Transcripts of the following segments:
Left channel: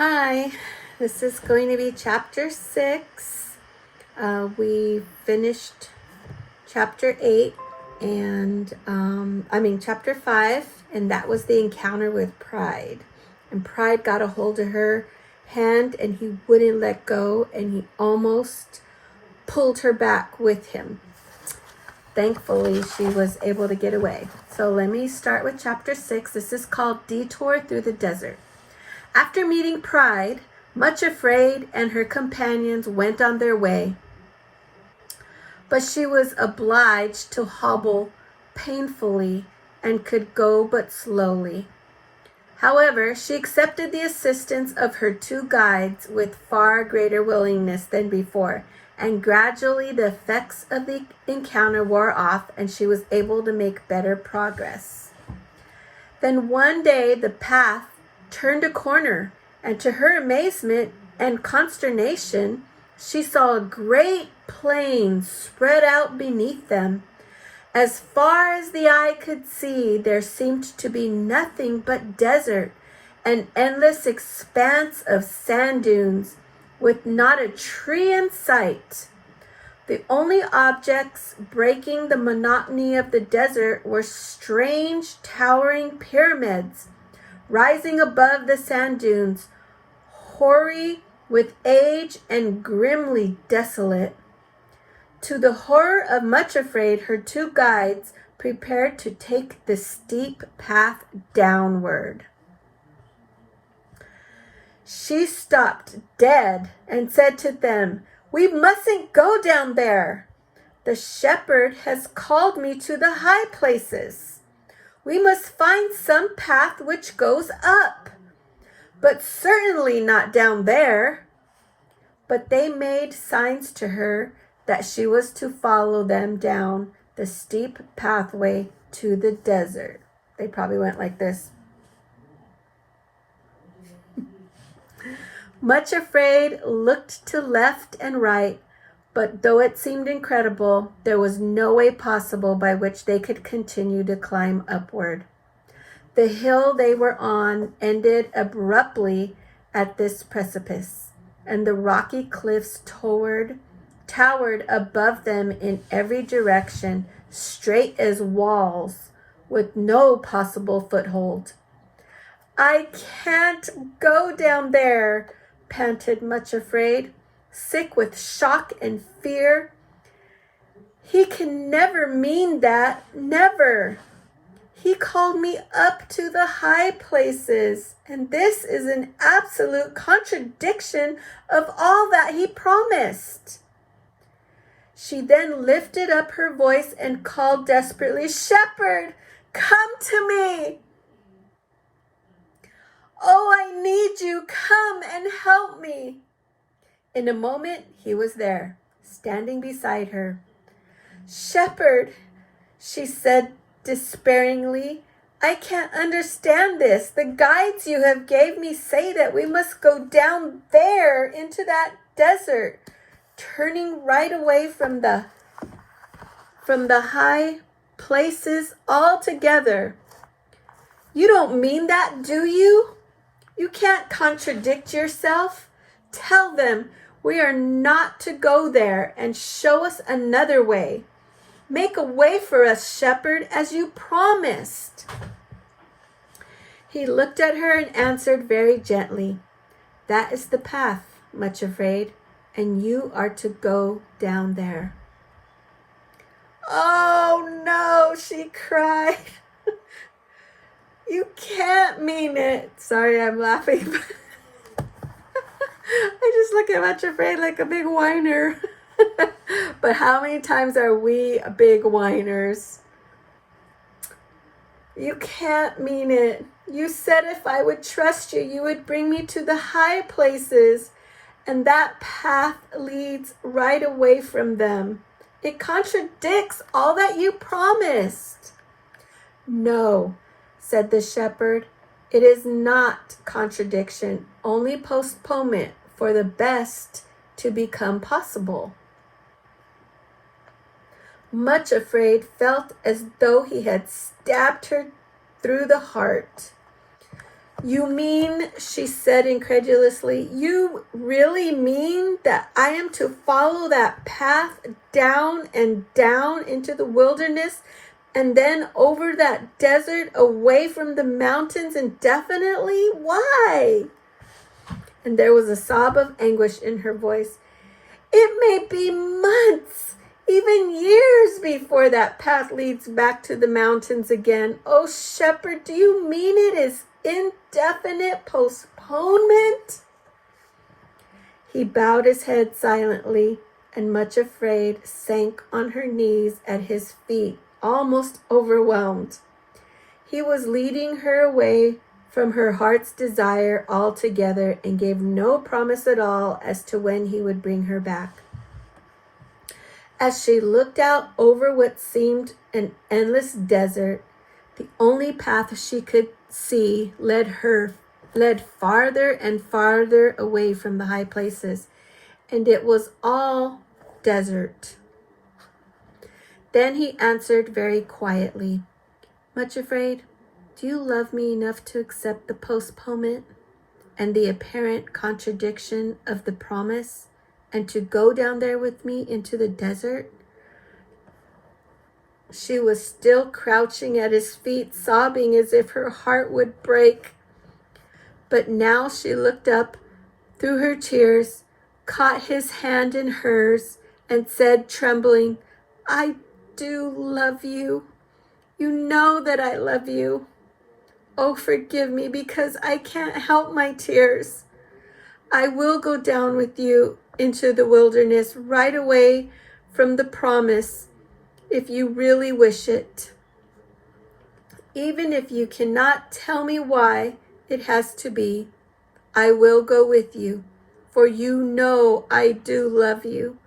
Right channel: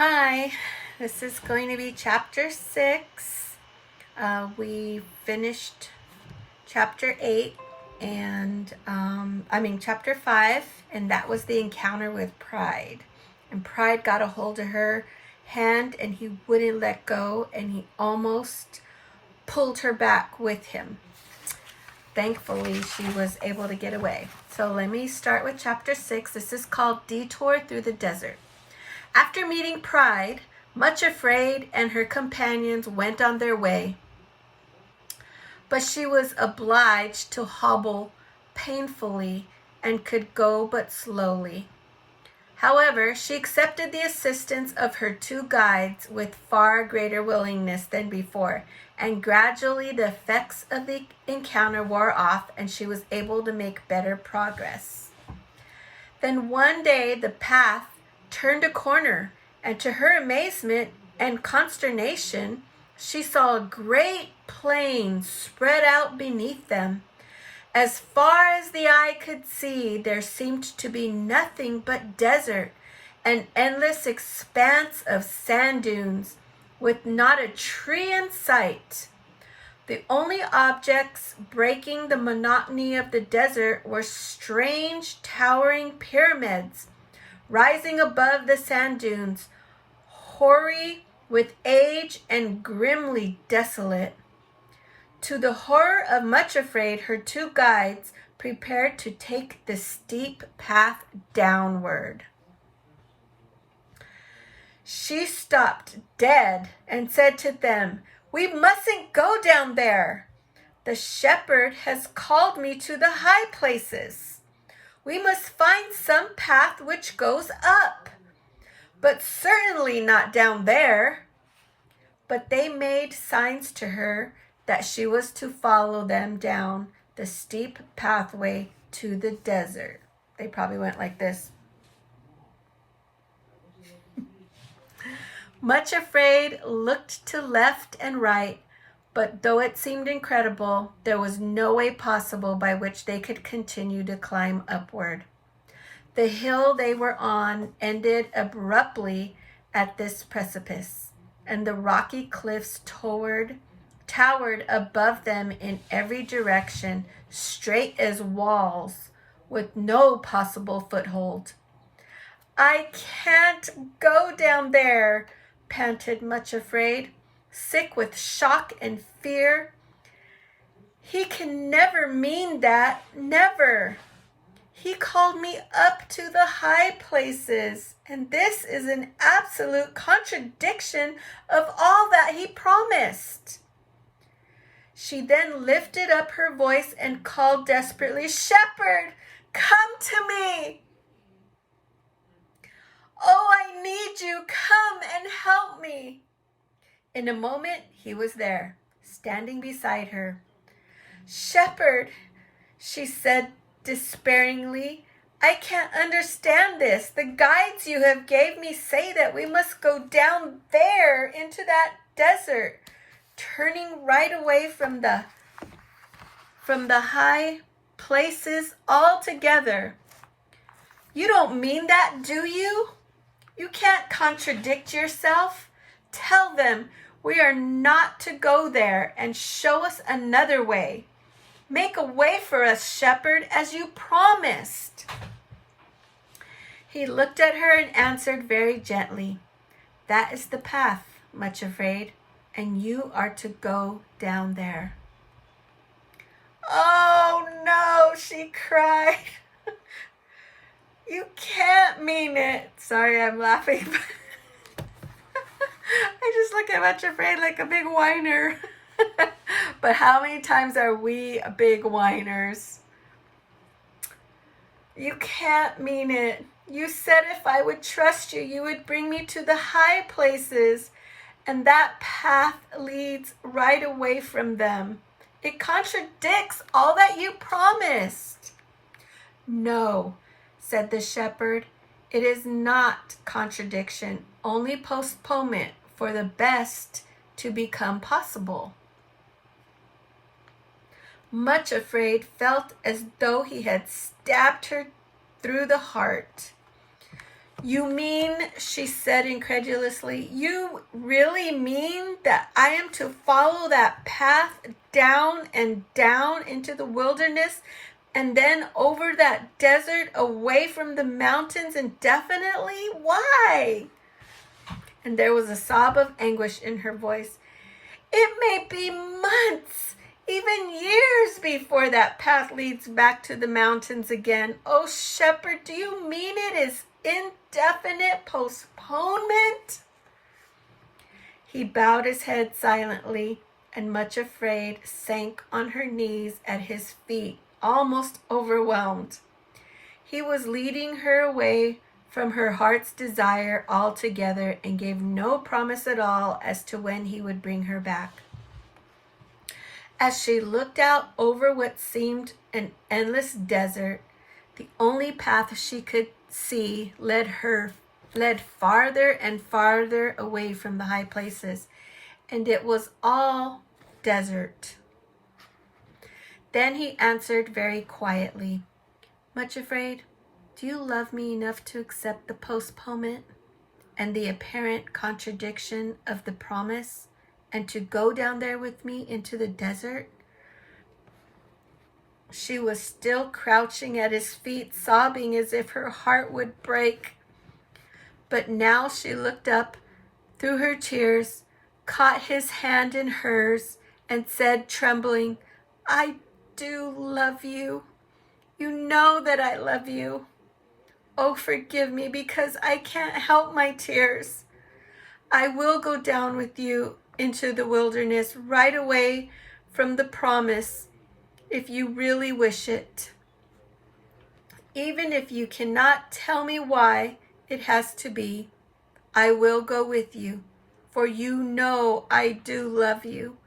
Hi, this is going to be chapter 6. We finished chapter 8 and chapter 5, and that was the encounter with Pride. And Pride got a hold of her hand and he wouldn't let go, and he almost pulled her back with him. Thankfully, she was able to get away. So let me start with chapter 6. This is called Detour Through the Desert. After meeting Pride, much afraid, and her companions went on their way. But she was obliged to hobble painfully and could go but slowly. However, she accepted the assistance of her two guides with far greater willingness than before, and gradually the effects of the encounter wore off and she was able to make better progress. Then one day the path turned a corner, and to her amazement and consternation, she saw a great plain spread out beneath them. As far as the eye could see, there seemed to be nothing but desert, an endless expanse of sand dunes, with not a tree in sight. The only objects breaking the monotony of the desert were strange, towering pyramids, rising above the sand dunes, hoary with age and grimly desolate. To the horror of Much Afraid, her two guides prepared to take the steep path downward. She stopped dead and said to them, "We mustn't go down there. The shepherd has called me to the high places. We must find some path which goes up, but certainly not down there." But they made signs to her that she was to follow them down the steep pathway to the desert. They probably went like this. Much Afraid looked to left and right, but though it seemed incredible, there was no way possible by which they could continue to climb upward. The hill they were on ended abruptly at this precipice, and the rocky cliffs towered above them in every direction, straight as walls, with no possible foothold. "I can't go down there," panted Much Afraid, sick with shock and fear. "He can never mean that, never. He called me up to the high places, and this is an absolute contradiction of all that he promised." She then lifted up her voice and called desperately, "Shepherd, come to me. Oh, I need you. Come and help me." In a moment, he was there, standing beside her. "Shepherd," she said despairingly, "I can't understand this. The guides you have gave me say that we must go down there into that desert, turning right away from the high places altogether. You don't mean that, do you? You can't contradict yourself. Tell them we are not to go there and show us another way. Make a way for us, shepherd, as you promised." He looked at her and answered very gently, "That is the path, Much Afraid, and you are to go down there." "Oh no," she cried. "You can't mean it." Sorry, I'm laughing. I just look at Much Afraid like a big whiner. But how many times are we big whiners? "You can't mean it. You said if I would trust you, you would bring me to the high places, and that path leads right away from them. It contradicts all that you promised." "No," said the shepherd, "it is not contradiction, only postponement for the best to become possible." Much Afraid felt as though he had stabbed her through the heart. You mean, she said incredulously, you really mean that I am to follow that path down and down into the wilderness and then over that desert away from the mountains indefinitely? Why? And there was a sob of anguish in her voice. It may be months, even years before that path leads back to the mountains again. Oh, shepherd, do you mean it is indefinite postponement? He bowed his head silently and, much afraid, sank on her knees at his feet, almost overwhelmed. He was leading her away from her heart's desire altogether and gave no promise at all as to when he would bring her back. As she looked out over what seemed an endless desert, the only path she could see led farther and farther away from the high places, and it was all desert. Then he answered very quietly, Much afraid, do you love me enough to accept the postponement and the apparent contradiction of the promise and to go down there with me into the desert? She was still crouching at his feet, sobbing as if her heart would break. But now she looked up through her tears, caught his hand in hers, and said, trembling, I do love you. You know that I love you. Oh, forgive me because I can't help my tears. I will go down with you into the wilderness right away from the promise if you really wish it. Even if you cannot tell me why it has to be, I will go with you, for you know I do love you,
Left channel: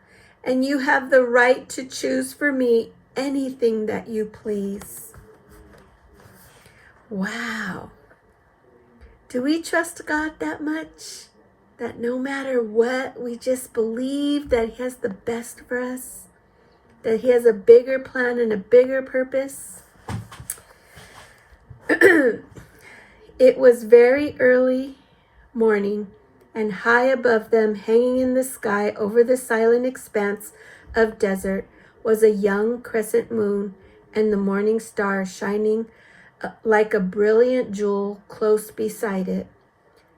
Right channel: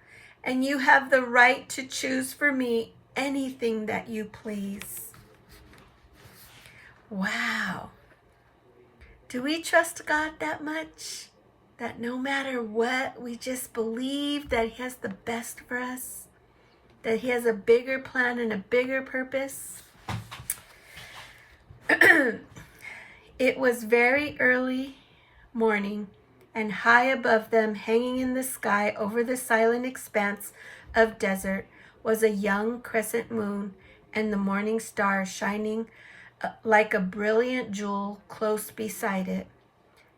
and you have the right to choose for me anything that you please. Wow. Do we trust God that much? That no matter what, we just believe that He has the best for us? That He has a bigger plan and a bigger purpose? It was very early morning, and high above them, hanging in the sky over the silent expanse of desert, was a young crescent moon and the morning star shining like a brilliant jewel close beside it.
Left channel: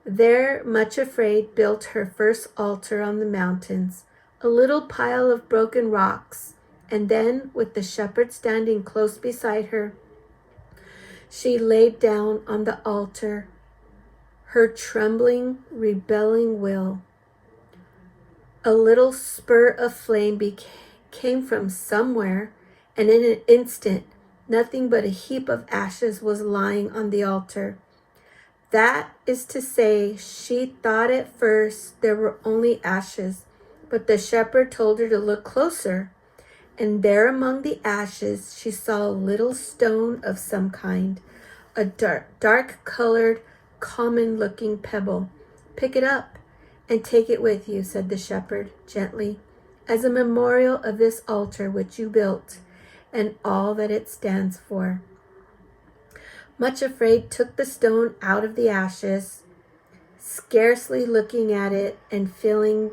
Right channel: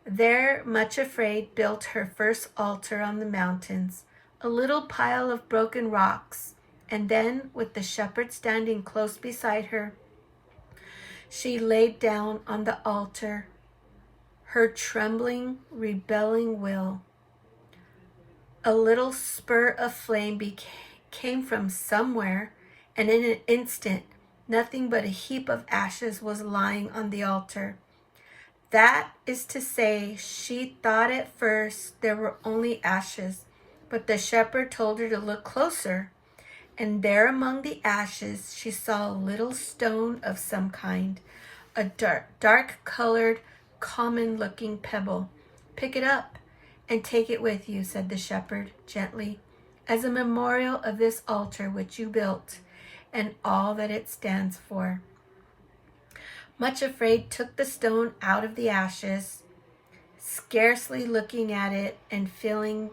There, Much Afraid built her first altar on the mountains, a little pile of broken rocks, and then, with the shepherd standing close beside her, she laid down on the altar her trembling, rebelling will. A little spur of flame came from somewhere, and in an instant, nothing but a heap of ashes was lying on the altar. That is to say, she thought at first there were only ashes, but the shepherd told her to look closer, and there among the ashes she saw a little stone of some kind, a dark-colored, common-looking pebble. Pick it up and take it with you, said the shepherd gently, as a memorial of this altar which you built and all that it stands for. Much Afraid took the stone out of the ashes, scarcely looking at it and feeling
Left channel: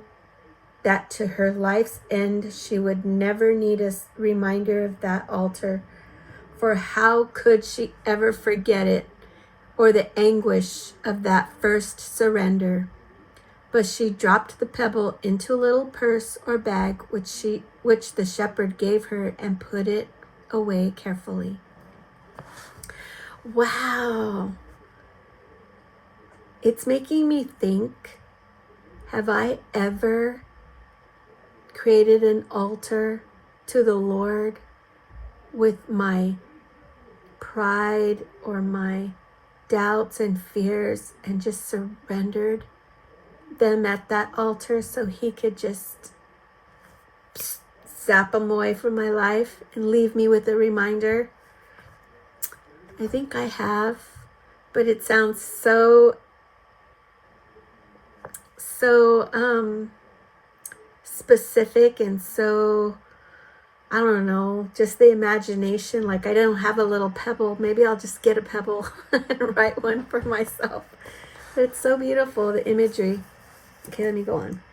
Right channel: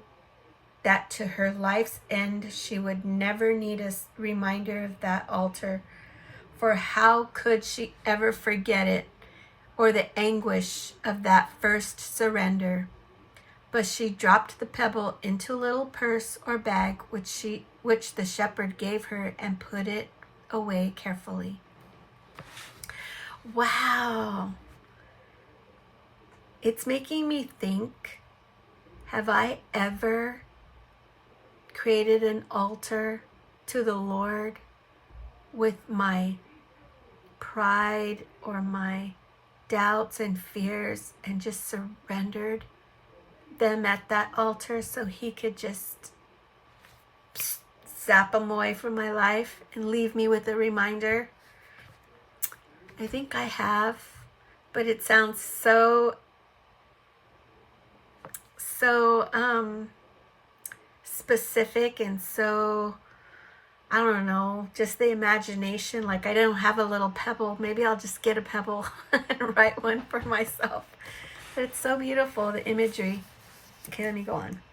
that to her life's end she would never need a reminder of that altar, for how could she ever forget it or the anguish of that first surrender? But she dropped the pebble into a little purse or bag which the shepherd gave her and put it away carefully. Wow. It's making me think, have I ever created an altar to the Lord with my pride or my doubts and fears and just surrendered them at that altar so He could just zap them away from my life and leave me with a reminder? I think I have, but it sounds so specific and so I don't know, just the imagination. Like, I don't have a little pebble. Maybe I'll just get a pebble and write one for myself. But it's so beautiful, the imagery. Okay, let me go on.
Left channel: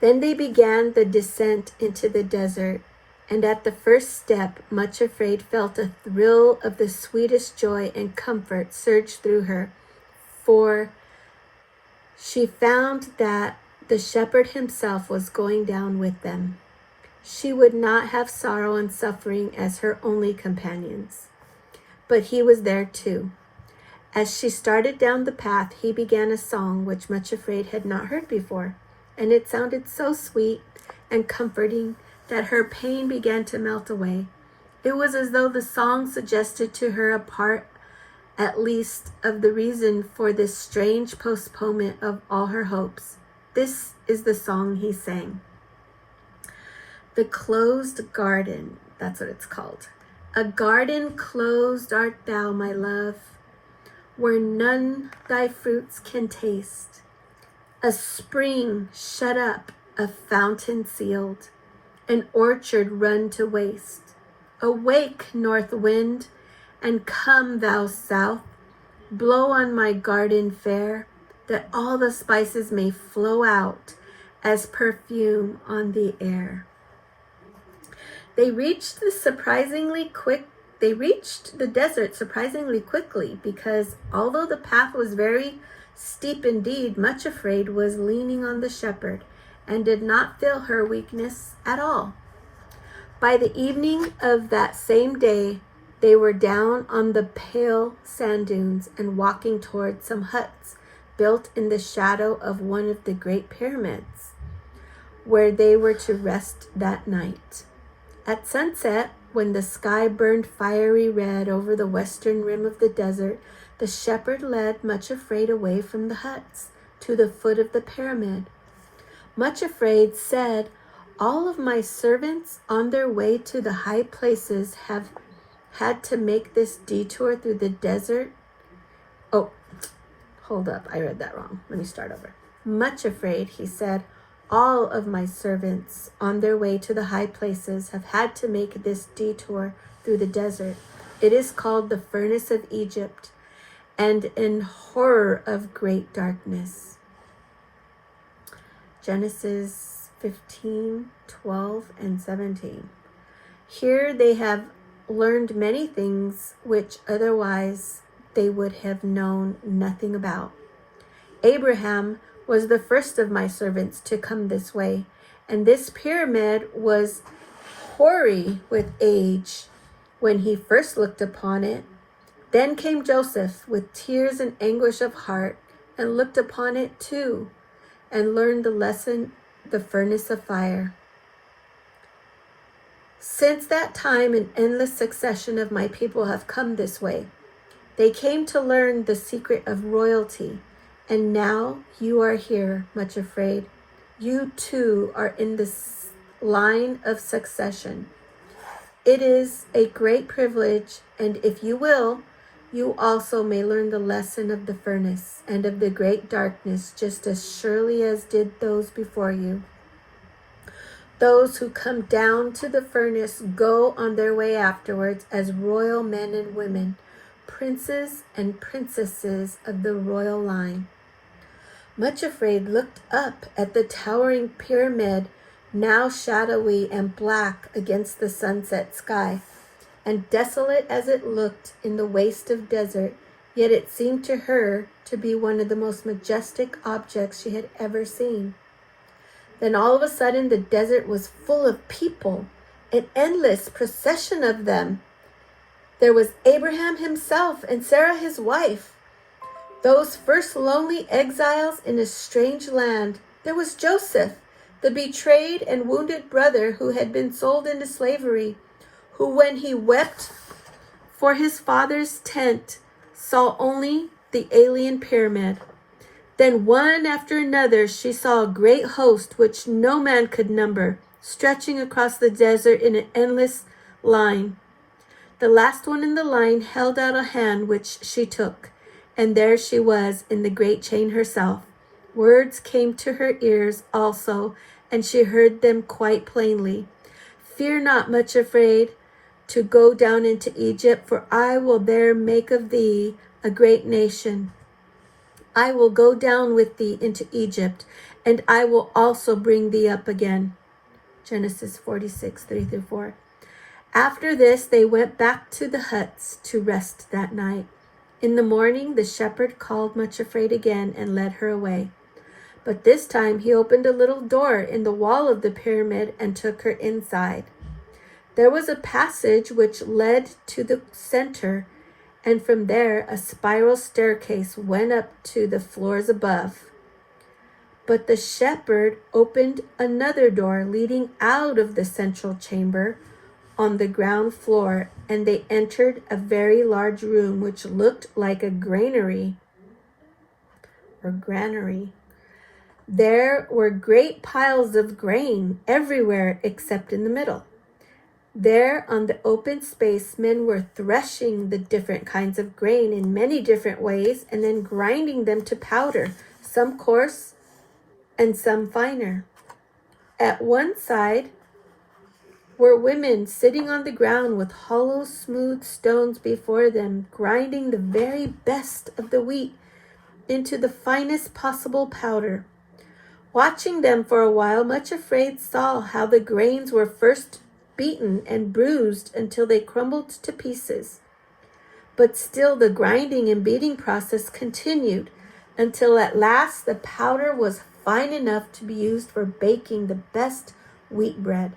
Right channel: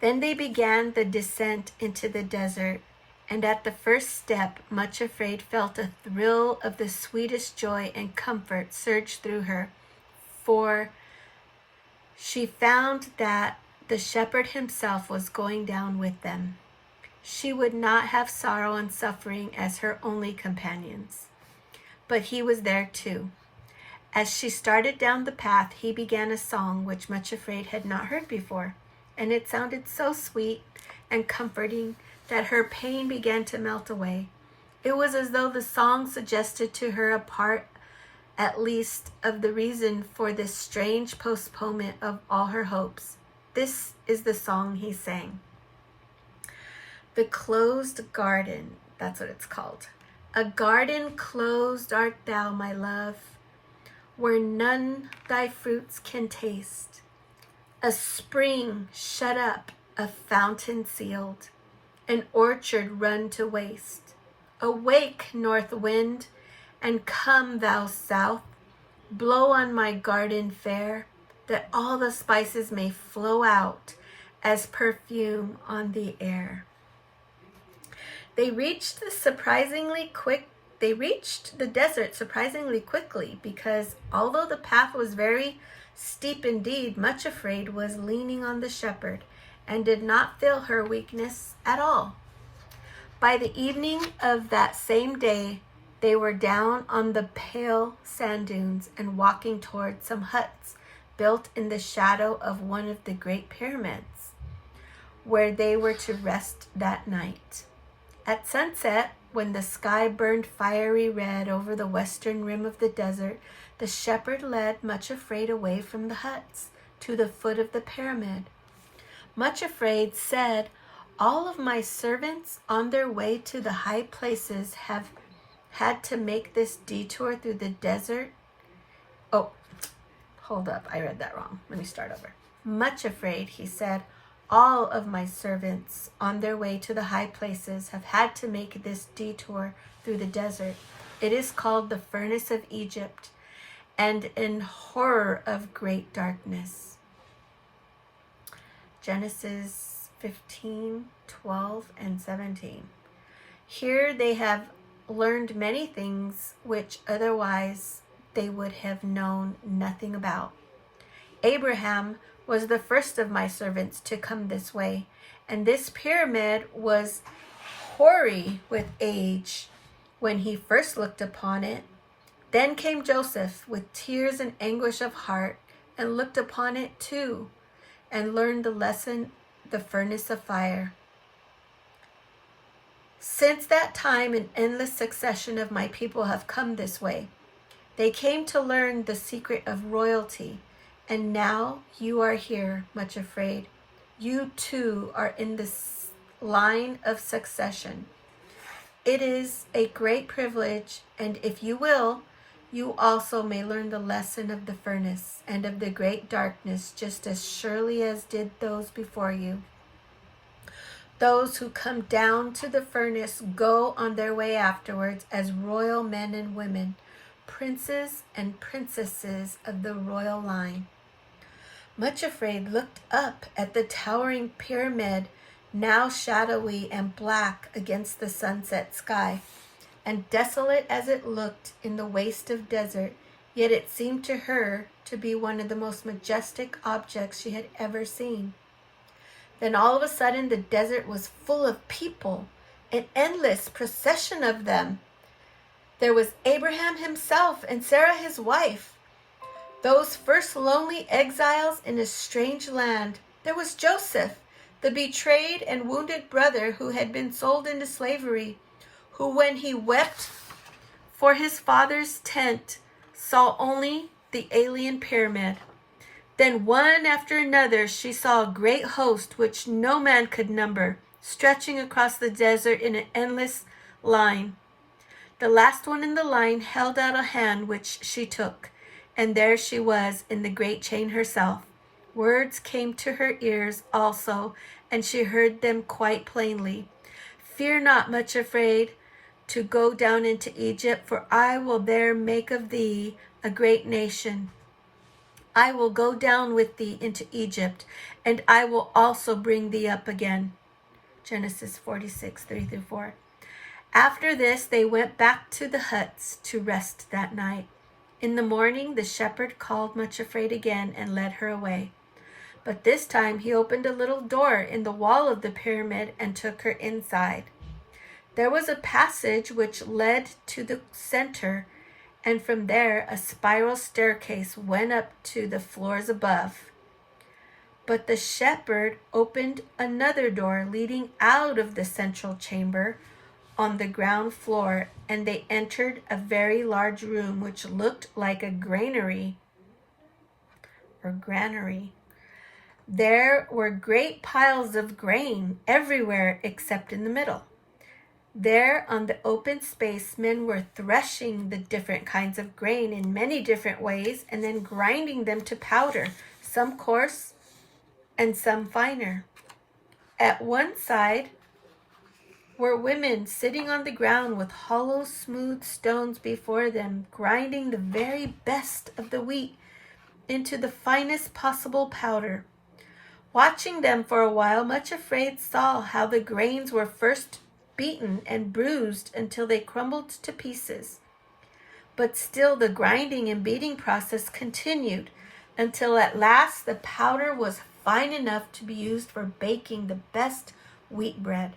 Then they began the descent into the desert, and at the first step, Much Afraid felt a thrill of the sweetest joy and comfort surge through her, for she found that the shepherd himself was going down with them. She would not have sorrow and suffering as her only companions, but he was there too. As she started down the path, he began a song which Much Afraid had not heard before, and it sounded so sweet and comforting that her pain began to melt away. It was as though the song suggested to her a part, at least, of the reason for this strange postponement of all her hopes. This is the song he sang. The Closed Garden, that's what it's called. A garden closed art thou, my love, where none thy fruits can taste. A spring shut up, a fountain sealed, an orchard run to waste. Awake, north wind, and come, thou south, blow on my garden fair, that all the spices may flow out as perfume on the air. They reached the desert surprisingly quickly, because although the path was very steep indeed, Much Afraid was leaning on the shepherd and did not feel her weakness at all. By the evening of that same day, they were down on the pale sand dunes and walking toward some huts built in the shadow of one of the great pyramids, where they were to rest that night. At sunset, when the sky burned fiery red over the western rim of the desert, the shepherd led Much Afraid away from the huts to the foot of the pyramid. Much Afraid said, "All of my servants on their way to the high places have had to make this detour through the desert." Oh, hold up, I read that wrong. Let me start over. Much Afraid, he said, "All of my servants on their way to the high places have had to make this detour through the desert. It is called the furnace of Egypt, and in horror of great darkness." Genesis 15, 12, and 17. Here they have learned many things which otherwise they would have known nothing about. Abraham was the first of my servants to come this way, and this pyramid was hoary with age when he first looked upon it. Then came Joseph with tears and anguish of heart, and looked upon it too, and learned the lesson, the furnace of fire. Since that time, an endless succession of my people have come this way. They came to learn the secret of royalty, and now you are here, Much Afraid. You too are in this line of succession. It is a great privilege, and if you will, you also may learn the lesson of the furnace and of the great darkness just as surely as did those before you. Those who come down to the furnace go on their way afterwards as royal men and women, princes and princesses of the royal line. Much Afraid looked up at the towering pyramid, now shadowy and black against the sunset sky, and desolate as it looked in the waste of desert, yet it seemed to her to be one of the most majestic objects she had ever seen. Then all of a sudden the desert was full of people, an endless procession of them. There was Abraham himself and Sarah his wife, those first lonely exiles in a strange land. There was Joseph, the betrayed and wounded brother who had been sold into slavery, who when he wept for his father's tent saw only the alien pyramid. Then one after another she saw a great host which no man could number, stretching across the desert in an endless line. The last one in the line held out a hand which she took, and there she was in the great chain herself. Words came to her ears also, and she heard them quite plainly. Fear not, much afraid, to go down into Egypt, for I will there make of thee a great nation. I will go down with thee into Egypt, and I will also bring thee up again. Genesis 46, 3-4. After this, they went back to the huts to rest that night. In the morning, the shepherd called Much Afraid again and led her away. But this time he opened a little door in the wall of the pyramid and took her inside. There was a passage which led to the center, and from there a spiral staircase went up to the floors above. But the shepherd opened another door leading out of the central chamber on the ground floor, and they entered a very large room which looked like a granary. There were great piles of grain everywhere except in the middle. There on the open space, men were threshing the different kinds of grain in many different ways and then grinding them to powder, some coarse and some finer. At one side were women sitting on the ground with hollow, smooth stones before them, grinding the very best of the wheat into the finest possible powder. Watching them for a while, Much Afraid saw how the grains were first beaten and bruised until they crumbled to pieces. But still the grinding and beating process continued until at last the powder was fine enough to be used for baking the best wheat bread.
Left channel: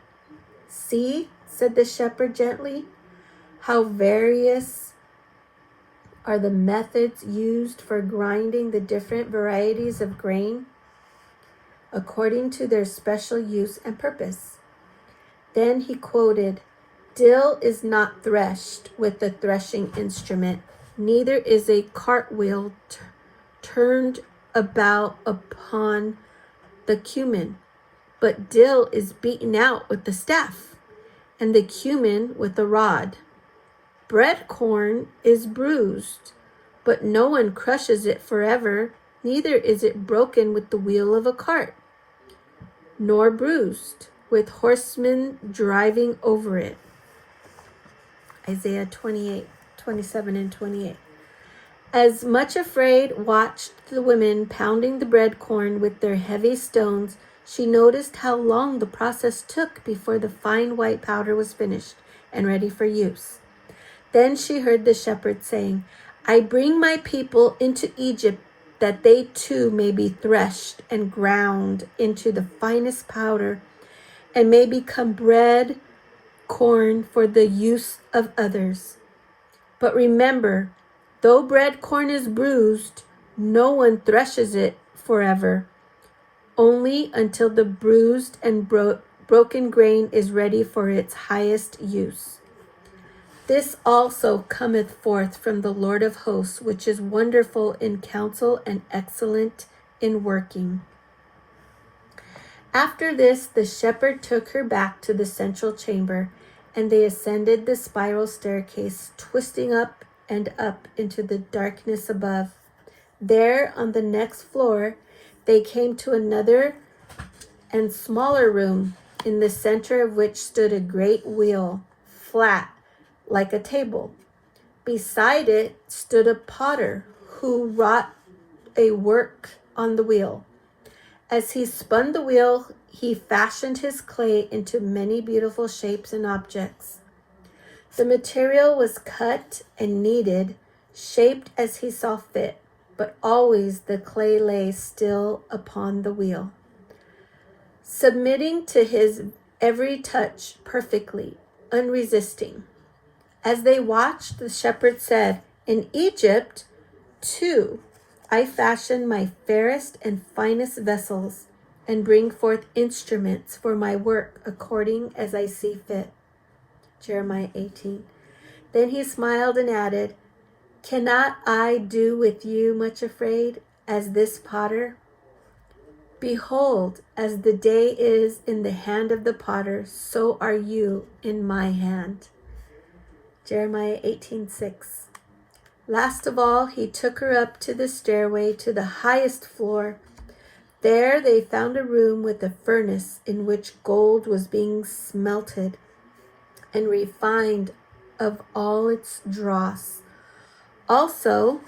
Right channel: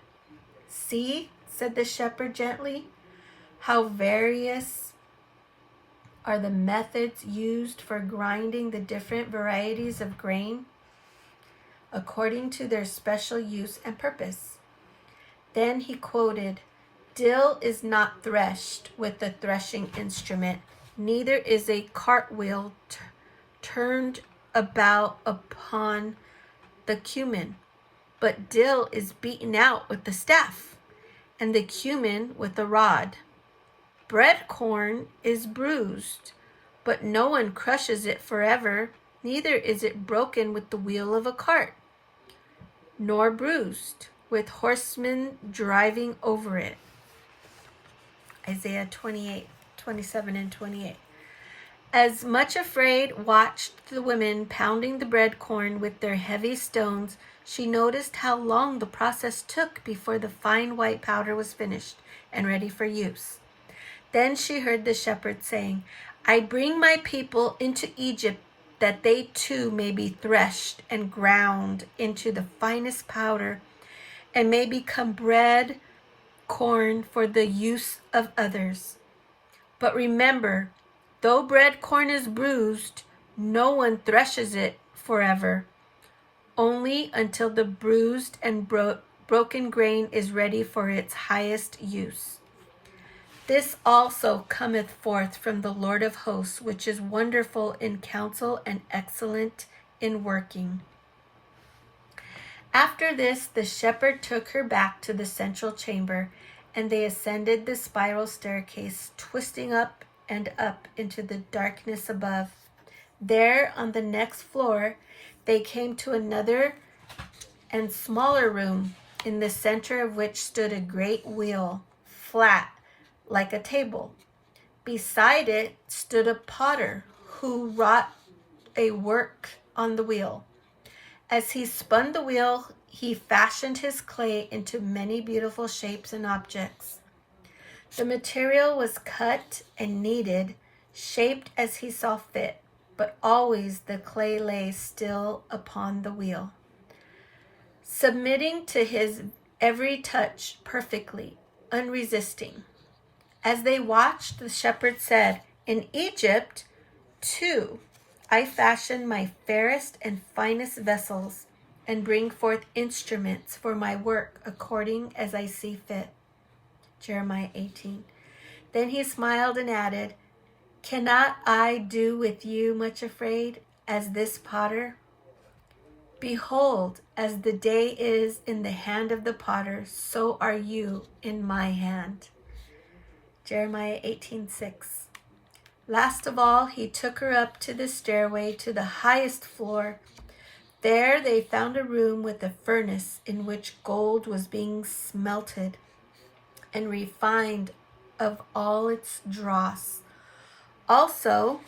See, said the shepherd gently, how various are the methods used for grinding the different varieties of grain according to their special use and purpose. Then he quoted, "Dill is not threshed with the threshing instrument, neither is a cartwheel turned about upon the cumin, but dill is beaten out with the staff, and the cumin with the rod. Bread corn is bruised, but no one crushes it forever, neither is it broken with the wheel of a cart, nor bruised with horsemen driving over it." Isaiah 28, 27 and 28. As Much Afraid watched the women pounding the bread corn with their heavy stones, she noticed how long the process took before the fine white powder was finished and ready for use. Then she heard the shepherd saying, "I bring my people into Egypt that they too may be threshed and ground into the finest powder and may become bread corn for the use of others. But remember, though bread corn is bruised, no one threshes it forever, only until the bruised and broken grain is ready for its highest use. This also cometh forth from the Lord of hosts, which is wonderful in counsel and excellent in working." After this, the shepherd took her back to the central chamber, and they ascended the spiral staircase, twisting up and up into the darkness above. There, on the next floor, they came to another and smaller room, in the center of which stood a great wheel, flat like a table. Beside it stood a potter who wrought a work on the wheel. As he spun the wheel, he fashioned his clay into many beautiful shapes and objects. The material was cut and kneaded, shaped as he saw fit, but always the clay lay still upon the wheel, submitting to his every touch perfectly, unresisting. As they watched, the shepherd said, "In Egypt, too, I fashion my fairest and finest vessels and bring forth instruments for my work according as I see fit." Jeremiah 18. Then he smiled and added, "Cannot I do with you, Much Afraid, as this potter? Behold, as the day is in the hand of the potter, so are you in my hand." Jeremiah 18:6. Last of all, he took her up to the stairway to the highest floor. There they found a room with a furnace in which gold was being smelted, and refined of all its dross. Also,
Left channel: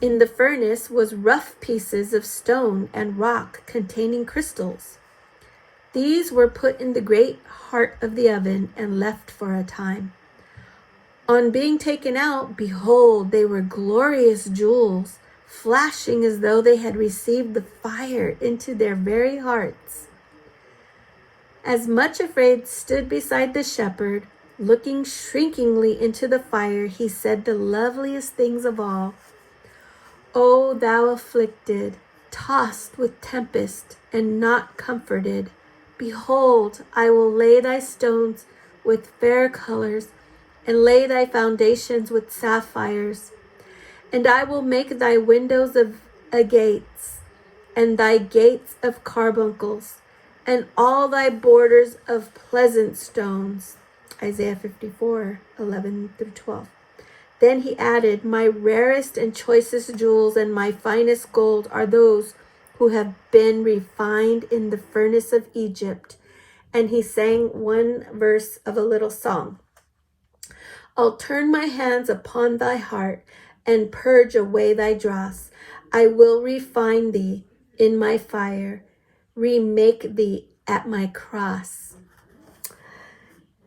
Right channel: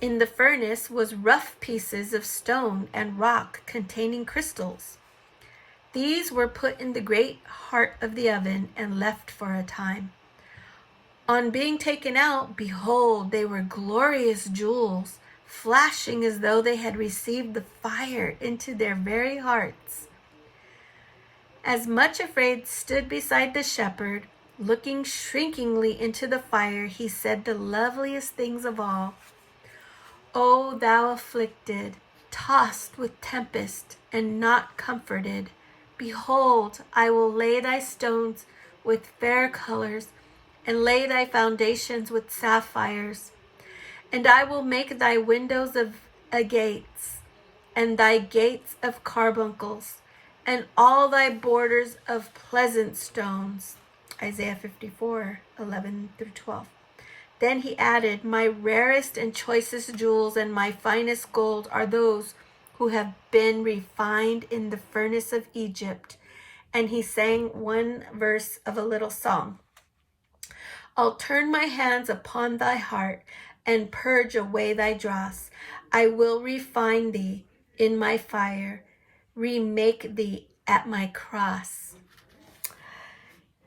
in the furnace was rough pieces of stone and rock containing crystals. These were put in the great heart of the oven and left for a time. On being taken out, behold, they were glorious jewels, flashing as though they had received the fire into their very hearts. As Much Afraid stood beside the shepherd, looking shrinkingly into the fire, he said the loveliest things of all. O thou afflicted, tossed with tempest, and not comforted, behold, I will lay thy stones with fair colors, and lay thy foundations with sapphires. And I will make thy windows of agates, and thy gates of carbuncles, and all thy borders of pleasant stones. Isaiah 54, 11 through 12. Then he added, my rarest and choicest jewels and my finest gold are those who have been refined in the furnace of Egypt. And he sang one verse of a little song. I'll turn my hands upon thy heart and purge away thy dross. I will refine thee in my fire, remake thee at my cross.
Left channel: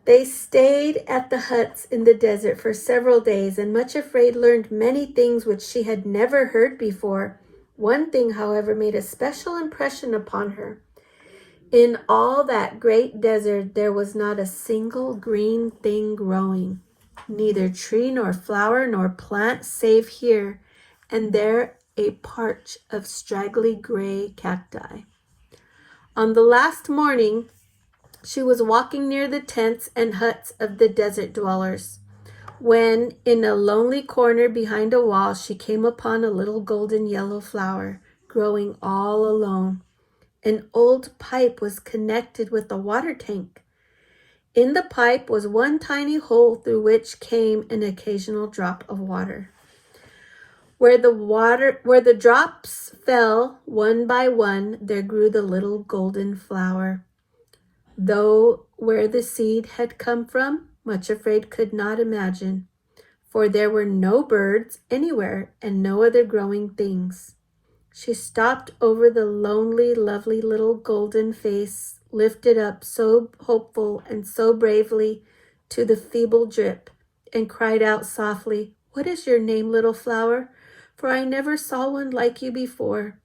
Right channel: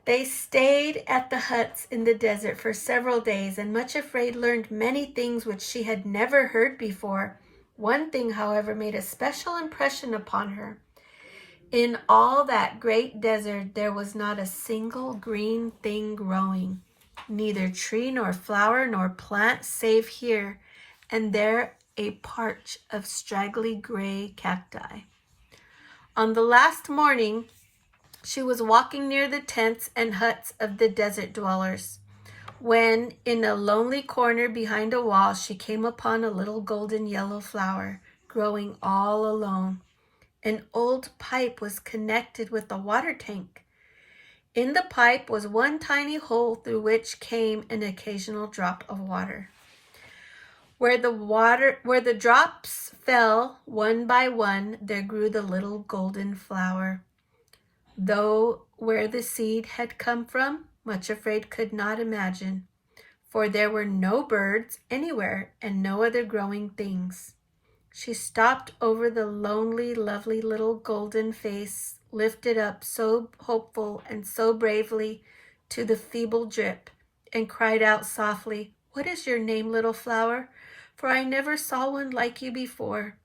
They stayed at the huts in the desert for several days, and Much Afraid learned many things which she had never heard before. One thing, however, made a special impression upon her. In all that great desert, there was not a single green thing growing, neither tree nor flower nor plant save here and there a patch of straggly gray cacti. On the last morning, she was walking near the tents and huts of the desert dwellers, when in a lonely corner behind a wall she came upon a little golden yellow flower growing all alone. An old pipe was connected with a water tank. In the pipe was one tiny hole through which came an occasional drop of water. Where the drops fell one by one, there grew the little golden flower. Though where the seed had come from, Much Afraid could not imagine, for there were no birds anywhere and no other growing things. She stopped over the lonely, lovely little golden face, lifted up so hopeful and so bravely to the feeble drip, and cried out softly, what is your name, little flower? For I never saw one like you before.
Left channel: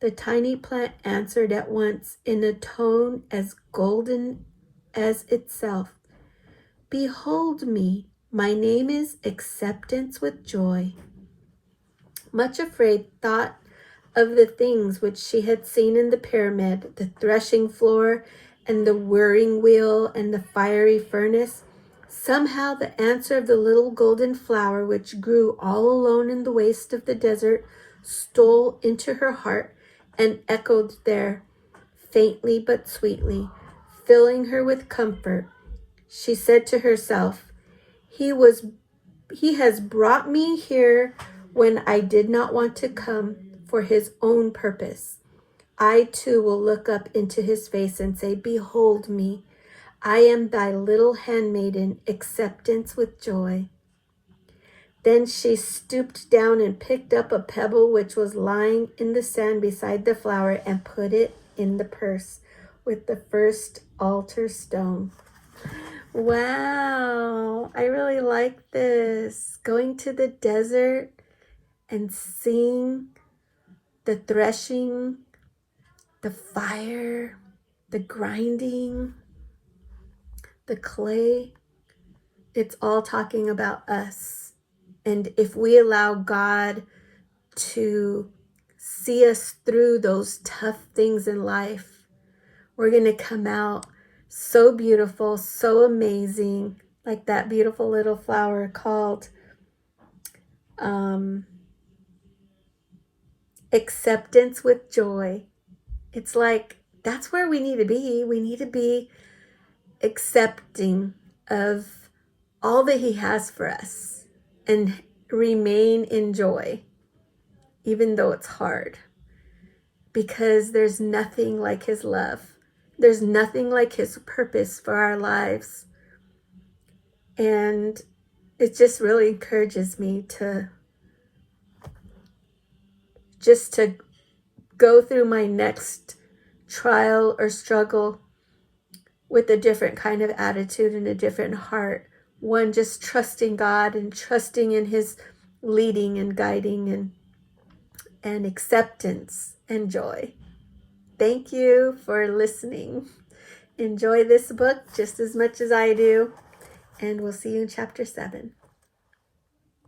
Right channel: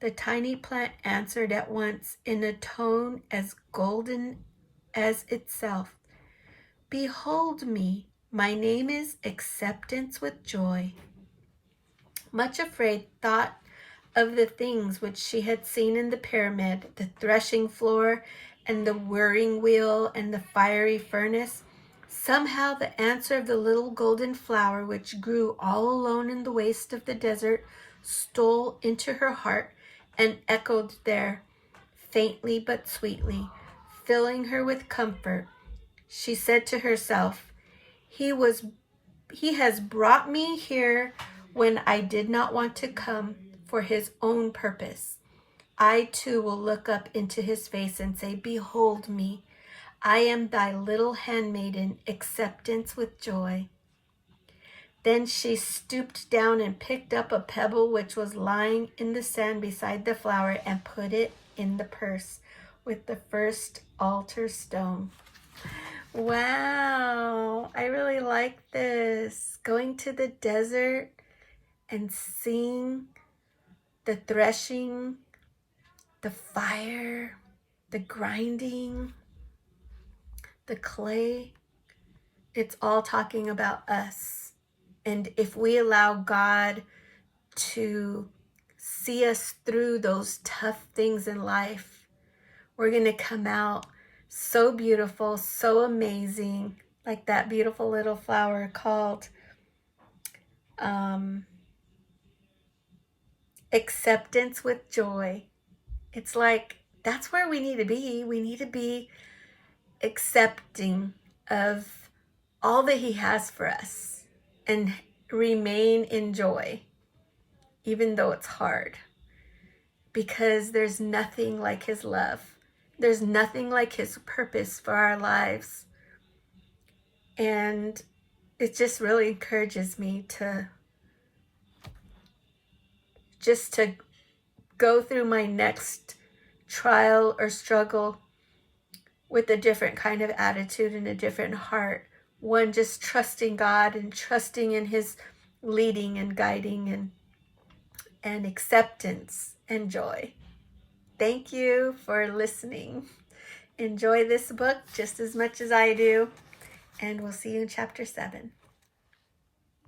The tiny plant answered at once in a tone as golden as itself. Behold me, my name is Acceptance with Joy. Much Afraid thought of the things which she had seen in the pyramid, the threshing floor and the whirring wheel and the fiery furnace. Somehow the answer of the little golden flower, which grew all alone in the waste of the desert, stole into her heart and echoed there, faintly but sweetly, filling her with comfort. She said to herself, He has brought me here when I did not want to come, for his own purpose. I too will look up into his face and say, behold me, I am thy little handmaiden, Acceptance with Joy. Then she stooped down and picked up a pebble which was lying in the sand beside the flower and put it in the purse with the first altar stone. Wow, I really like this. Going to the desert and seeing the threshing, the fire, the grinding, the clay. It's all talking about us. And if we allow God to see us through those tough things in life, we're going to come out so beautiful, so amazing, like that beautiful little flower called Acceptance with Joy. It's like, that's where we need to be. We need to be accepting of all that he has for us and remain in joy, even though it's hard, because there's nothing like his love. There's nothing like his purpose for our lives. And it just really encourages me to go through my next trial or struggle with a different kind of attitude and a different heart. One, just trusting God and trusting in his leading and guiding and acceptance and joy. Thank you for listening. Enjoy this book just as much as I do, and we'll see you in chapter 7.